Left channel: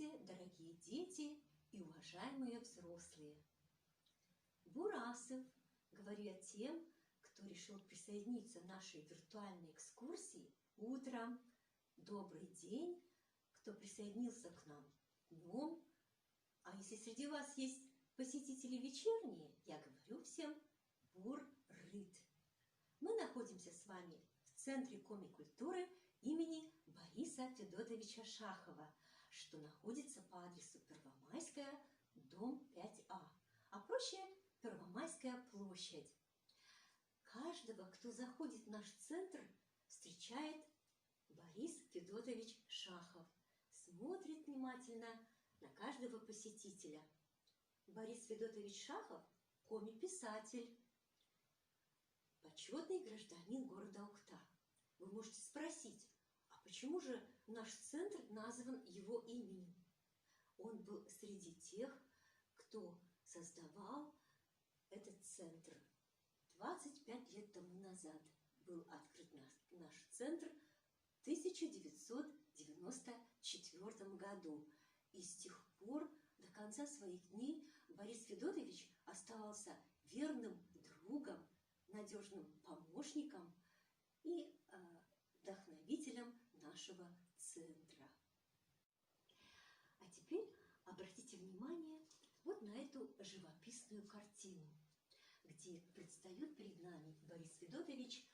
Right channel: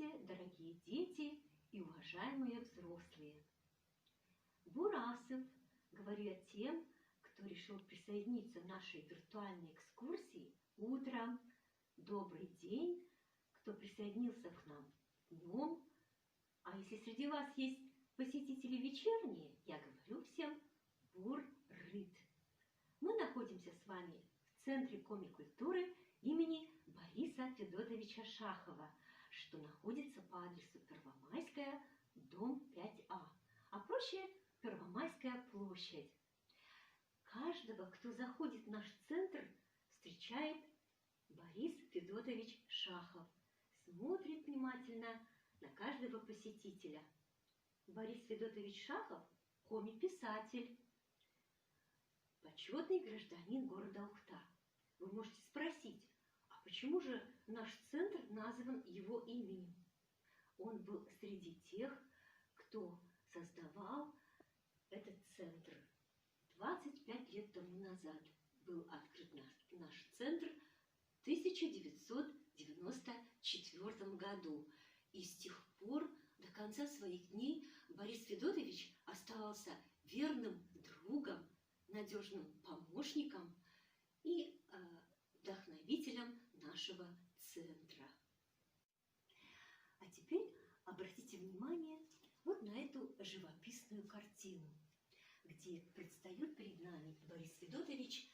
Здравствуйте, дорогие дети и уважаемые взрослые! Бурасов, говорю я тем, кто решил присоединиться к нашей виртуальной экскурсии утром. Добрый день, кто присоединился к нам днем. А если среди вас есть посетители вечерние, я говорю всем бур-рыт. Мы находимся с вами в Центре комик-культуры имени Бориса Федотовича Шахова, что находится по адресу Первомайская, дом 5А, а проще Первомайская площадь. Каждого, кто заходит в наш центр, встречает Борис Федотович Шахов, смотрит внимательно на каждого посетителя. Борис Федотович Шахов – комик-писатель, почетный гражданин города Ухта. Вы можете спросить, а почему же наш центр назван его именем? Он был среди тех, кто создавал этот центр. 25 лет тому назад был открыт наш центр в 1994 году. И с тех пор до конца своих дней Борис Федотович оставался верным другом, надежным помощником и вдохновителем нашего центра. А теперь обратите внимание вот на эту живописную картину, где предстает перед нами Борис Федотович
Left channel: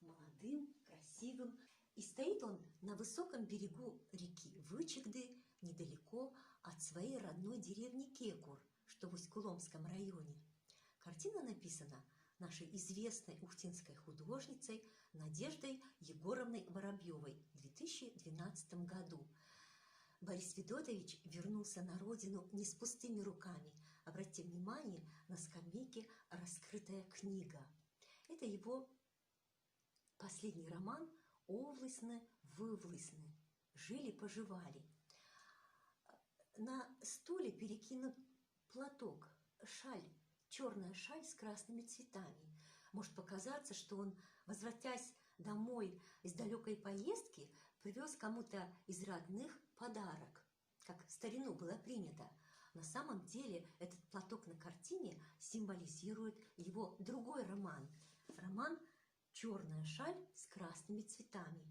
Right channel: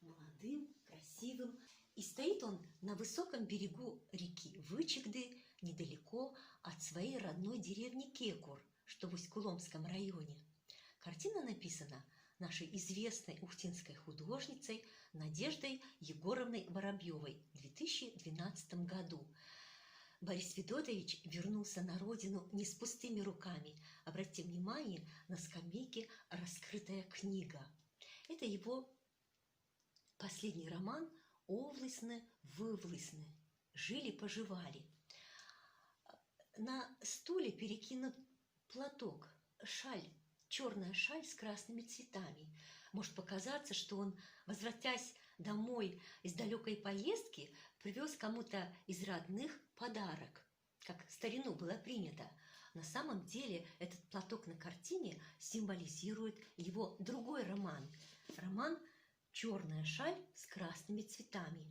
молодым, красивым. И стоит он на высоком берегу реки Вычегды, недалеко от своей родной деревни Кекур, что в Усть-Куломском районе. Картина написана нашей известной ухтинской художницей Надеждой Егоровной Воробьевой в 2012 году. Борис Федотович вернулся на родину не с пустыми руками. Обратите внимание, на скамейке раскрытая книга. Это его последний роман «Овлысны-вывлысны. Жили-поживали». На стуле перекинут платок, шаль, черная шаль с красными цветами. Может показаться, что он, возвратясь домой из далекой поездки, привез кому-то из родных подарок, как в старину было принято. На самом деле этот платок на картине символизирует его другой роман. Роман «Черная шаль с красными цветами».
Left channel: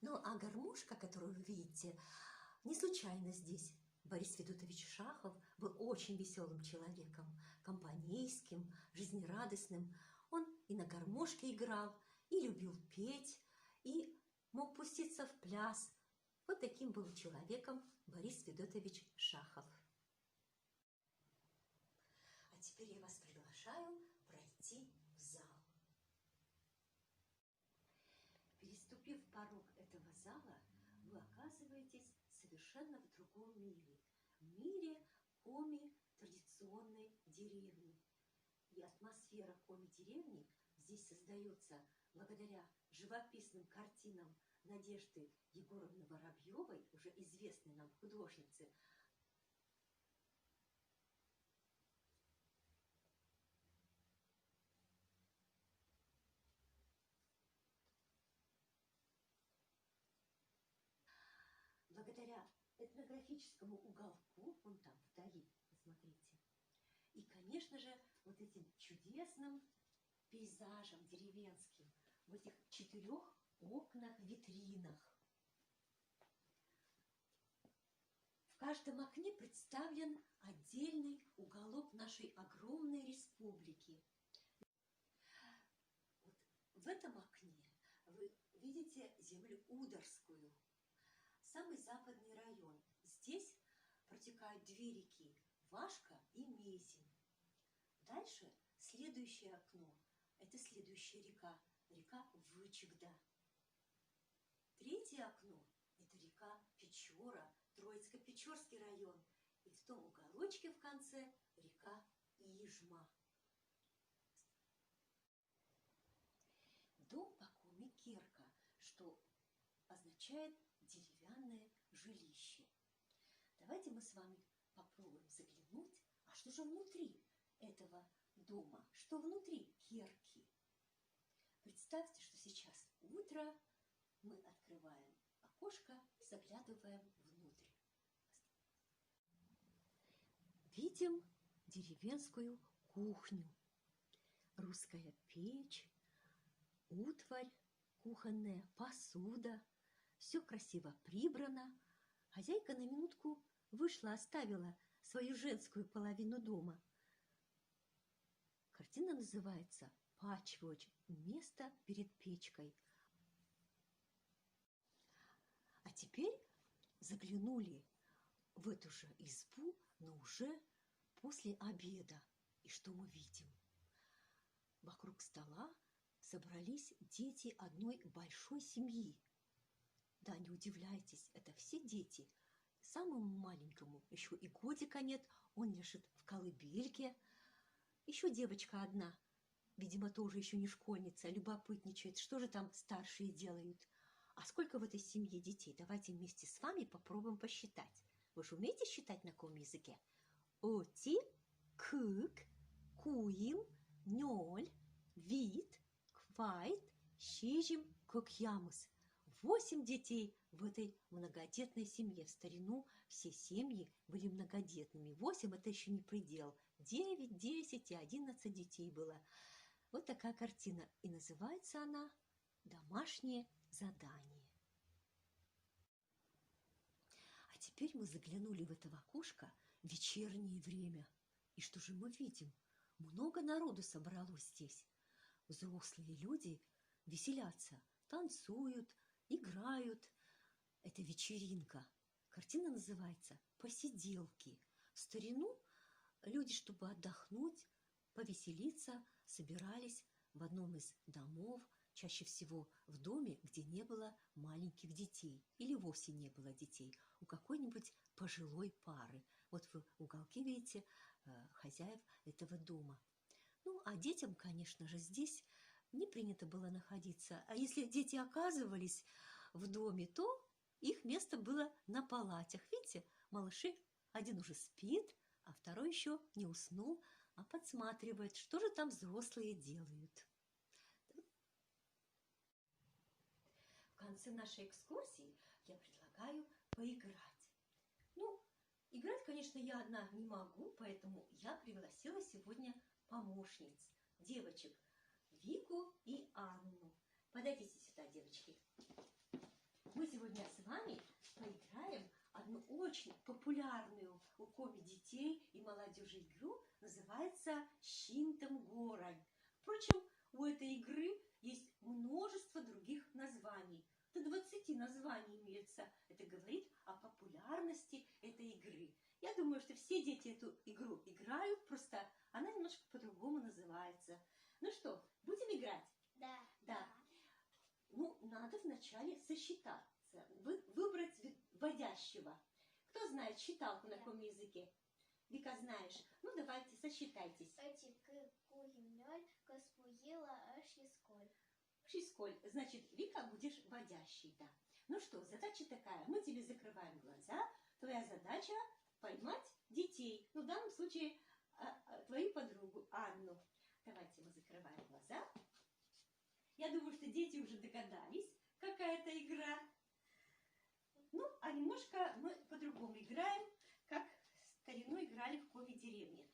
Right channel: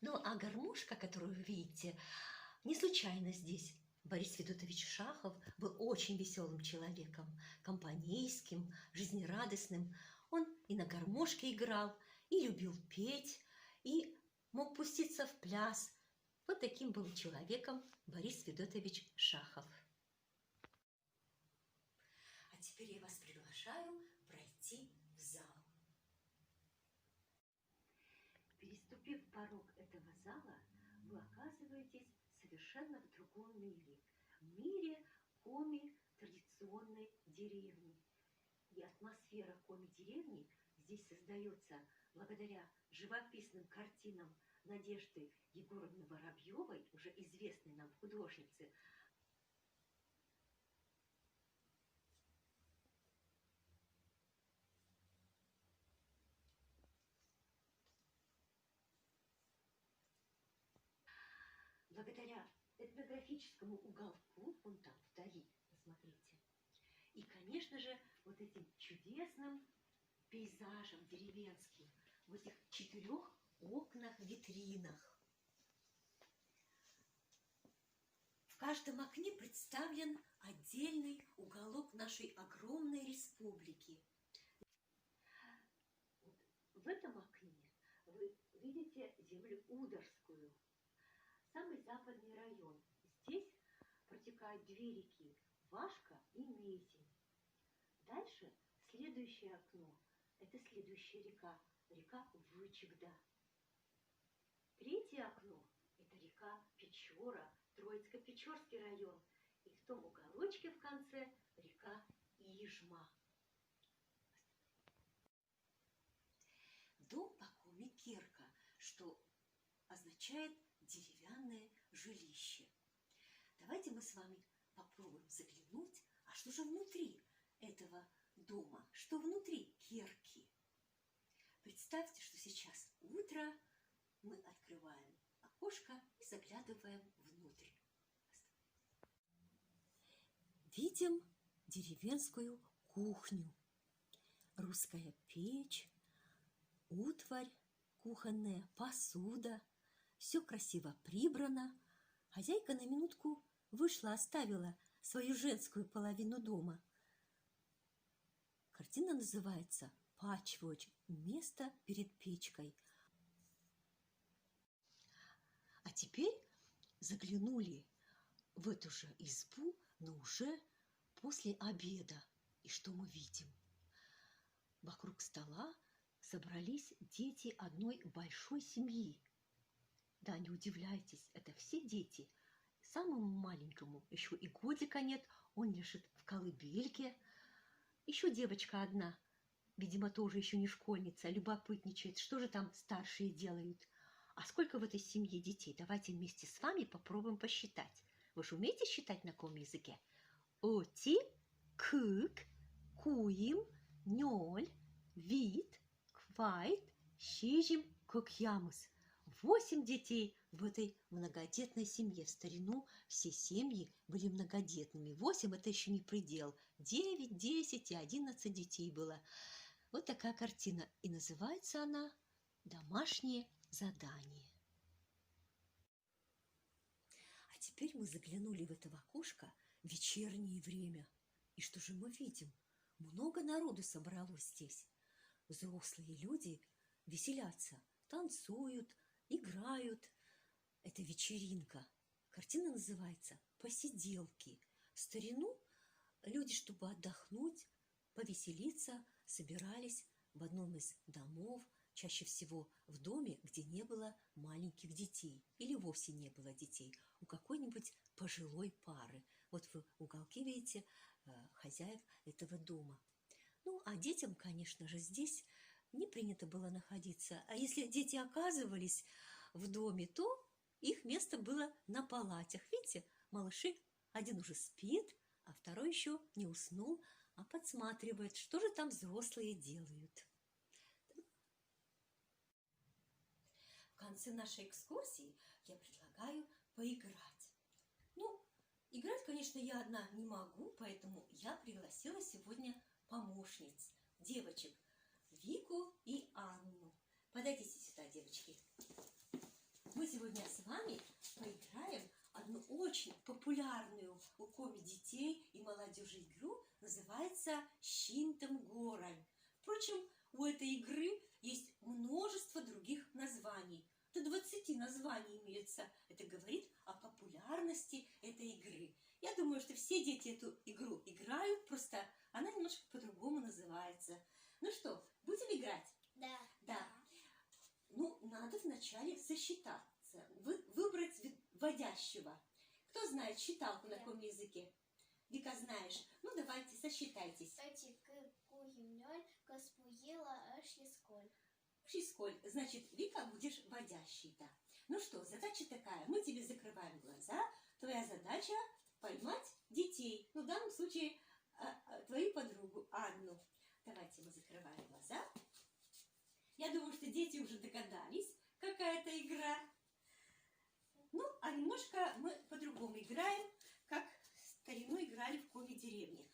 Ну а гармошка, которую вы видите, не случайно здесь. Борис Федотович Шахов был очень веселым человеком, компанейским, жизнерадостным. Он и на гармошке играл, и любил петь, и мог пуститься в пляс. Вот таким был человеком Борис Федотович Шахов. А теперь я вас приглашаю пройти в зал. Переступив порог этого зала, вы оказываетесь совершенно в другом мире. В мире коми-традиционной деревни. И атмосфера коми-деревни здесь создается благодаря живописным картинам Надежды Егоровны Воробьевой, уже известной нам художницы. Благодаря этнографическому уголку, вон там вдали, посмотрите, и, конечно же, вот этим чудесным пейзажем деревенским, в этих 4 окнах-витринах. В каждом окне представлен отдельный уголок нашей огромной республики. Вот в этом окне вы видите землю Ударскую, самый западный район. Здесь протекают 2 реки – Вашка и Мезень. Дальше следующее окно – это следующая река, река Вычегда. 3-е окно – это река Печора, Троицко-Печорский район. И в том уголочке в конце река Ижма. Дом по коми Кирка, что означает деревянное жилище. Давайте мы с вами попробуем заглянуть, а что же внутри этого дома, что внутри кирки. Представьте, что сейчас утро, мы открываем окошко и заглядываем внутрь. видим деревенскую кухню. Русская печь, утварь кухонная, посуда. Все красиво прибрано. Хозяйка на минутку вышла, оставила свою женскую половину дома. Картина называется «Патчворк. Место перед печкой». А теперь заглянули в эту же избу, но уже после обеда. И что мы видим? Вокруг стола собрались дети одной большой семьи. Да, не удивляйтесь, это все дети. Самому маленькому еще и годика нет, он лежит в колыбельке. Еще девочка одна, видимо, тоже еще не школьница, любопытничает, что же там старшие делают. А сколько в этой семье детей? Давайте вместе с вами попробуем посчитать. Вы же умеете считать на каком языке? Оти, кык, куим, ноль, вид, квайт, щижим, кукьямус. 8 детей в этой многодетной семье. В старину все семьи были многодетными. 8 – это еще не предел. 9, 10 и 11 детей было. Вот такая картина. И называется она «Домашнее задание». А теперь мы заглянули в это окошко в вечернее время. И что же мы видим? Много народу собралось здесь. Взрослые люди веселятся, танцуют, играют. Это вечеринка. Картина называется «Посиделки». В старину люди, чтобы отдохнуть, повеселиться, собирались в одном из домов, чаще всего в доме, где не было маленьких детей или вовсе не было детей, у какой-нибудь пожилой пары. Вот вы в уголке видите хозяев этого дома. Ну, а детям, конечно же, здесь не принято было находиться. А если дети оказывались в доме, то их место было на палатях. Видите, малыши, один уже спит, а второй еще не уснул, а подсматривает, что же там взрослые делают. В конце нашей экскурсии я предлагаю поиграть. Ну, играть, конечно, я одна не могу, поэтому я пригласила сегодня помощниц, девочек, Вику и Анну. Подойдите сюда, девочки. Мы сегодня с вами поиграем одну очень популярную у коми детей и молодежи игру, называется «Щинтем горань». Впрочем, у этой игры есть множество других названий. До 20 названий имеется. Это говорит о популярности этой игры. Я думаю, что все дети эту игру играют, просто она немножко по-другому называется. Ну что, будем играть? Да. Да. Ну, надо вначале сосчитаться, выбрать вводящего. Кто знает считалку на каком языке? Вика, знаешь? Ну, давайте, сосчитайтесь. Шисколь. Значит, Вика, будешь вводящей, да. Ну что, задача такая. Мы тебе закрываем глаза. Твоя задача поймать детей. Ну, в данном случае, твою подругу Анну. Давайте мы закрываем глаза. Я думаю, что дети уже догадались, какая это игра. Ну, а немножко мы по-другому играем, как в старину играли в коми-деревне.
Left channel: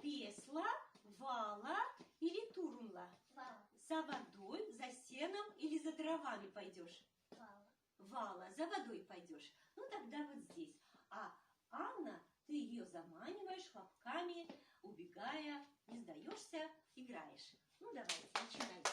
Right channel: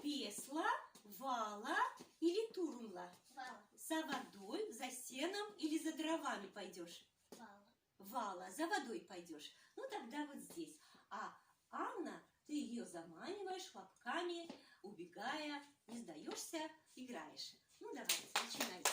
Песла, вала или турмла? Вала. За водой, за сеном или за дровами пойдешь? Вала. Вала, за водой пойдешь. Ну, тогда вот здесь. А Анна, ты ее заманиваешь хлопками, убегая, не сдаешься, играешь. Ну, давайте, начинайте.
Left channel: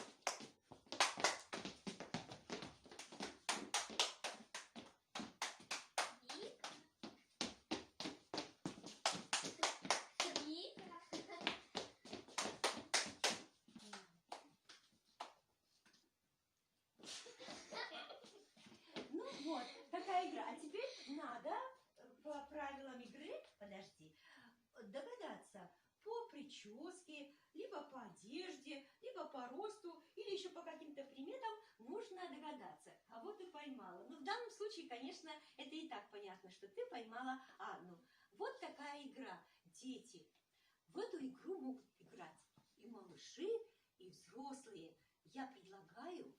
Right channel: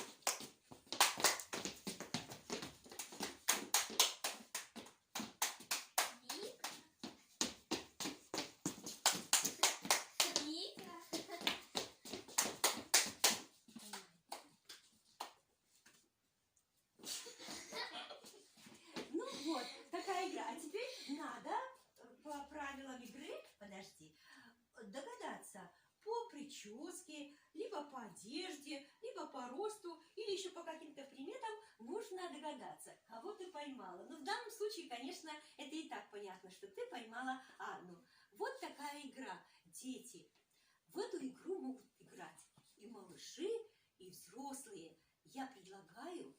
Ну вот, такая игра. А теперь надо по правилам игры, подожди, догадаться по прическе, либо по одежде, либо по росту, или еще по каким-то приметам нужно догадаться, кого ты поймала. Но в данном случае, конечно, это и так понятно, что ты поймала Анну. Вот такая игра. Дети в эту игру могут играть и малыши, и взрослые. Я предлагаю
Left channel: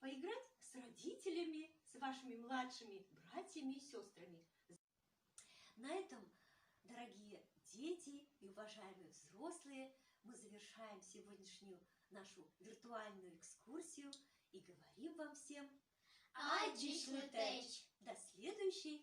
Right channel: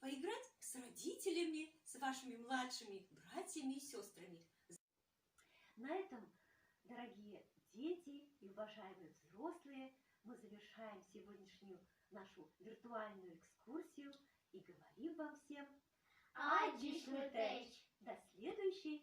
поиграть с родителями, с вашими младшими братьями и сестрами. На этом, дорогие дорогие дети и уважаемые взрослые, мы завершаем сегодняшнюю нашу виртуальную экскурсию и говорим вам всем Аģis Летеч! до следующей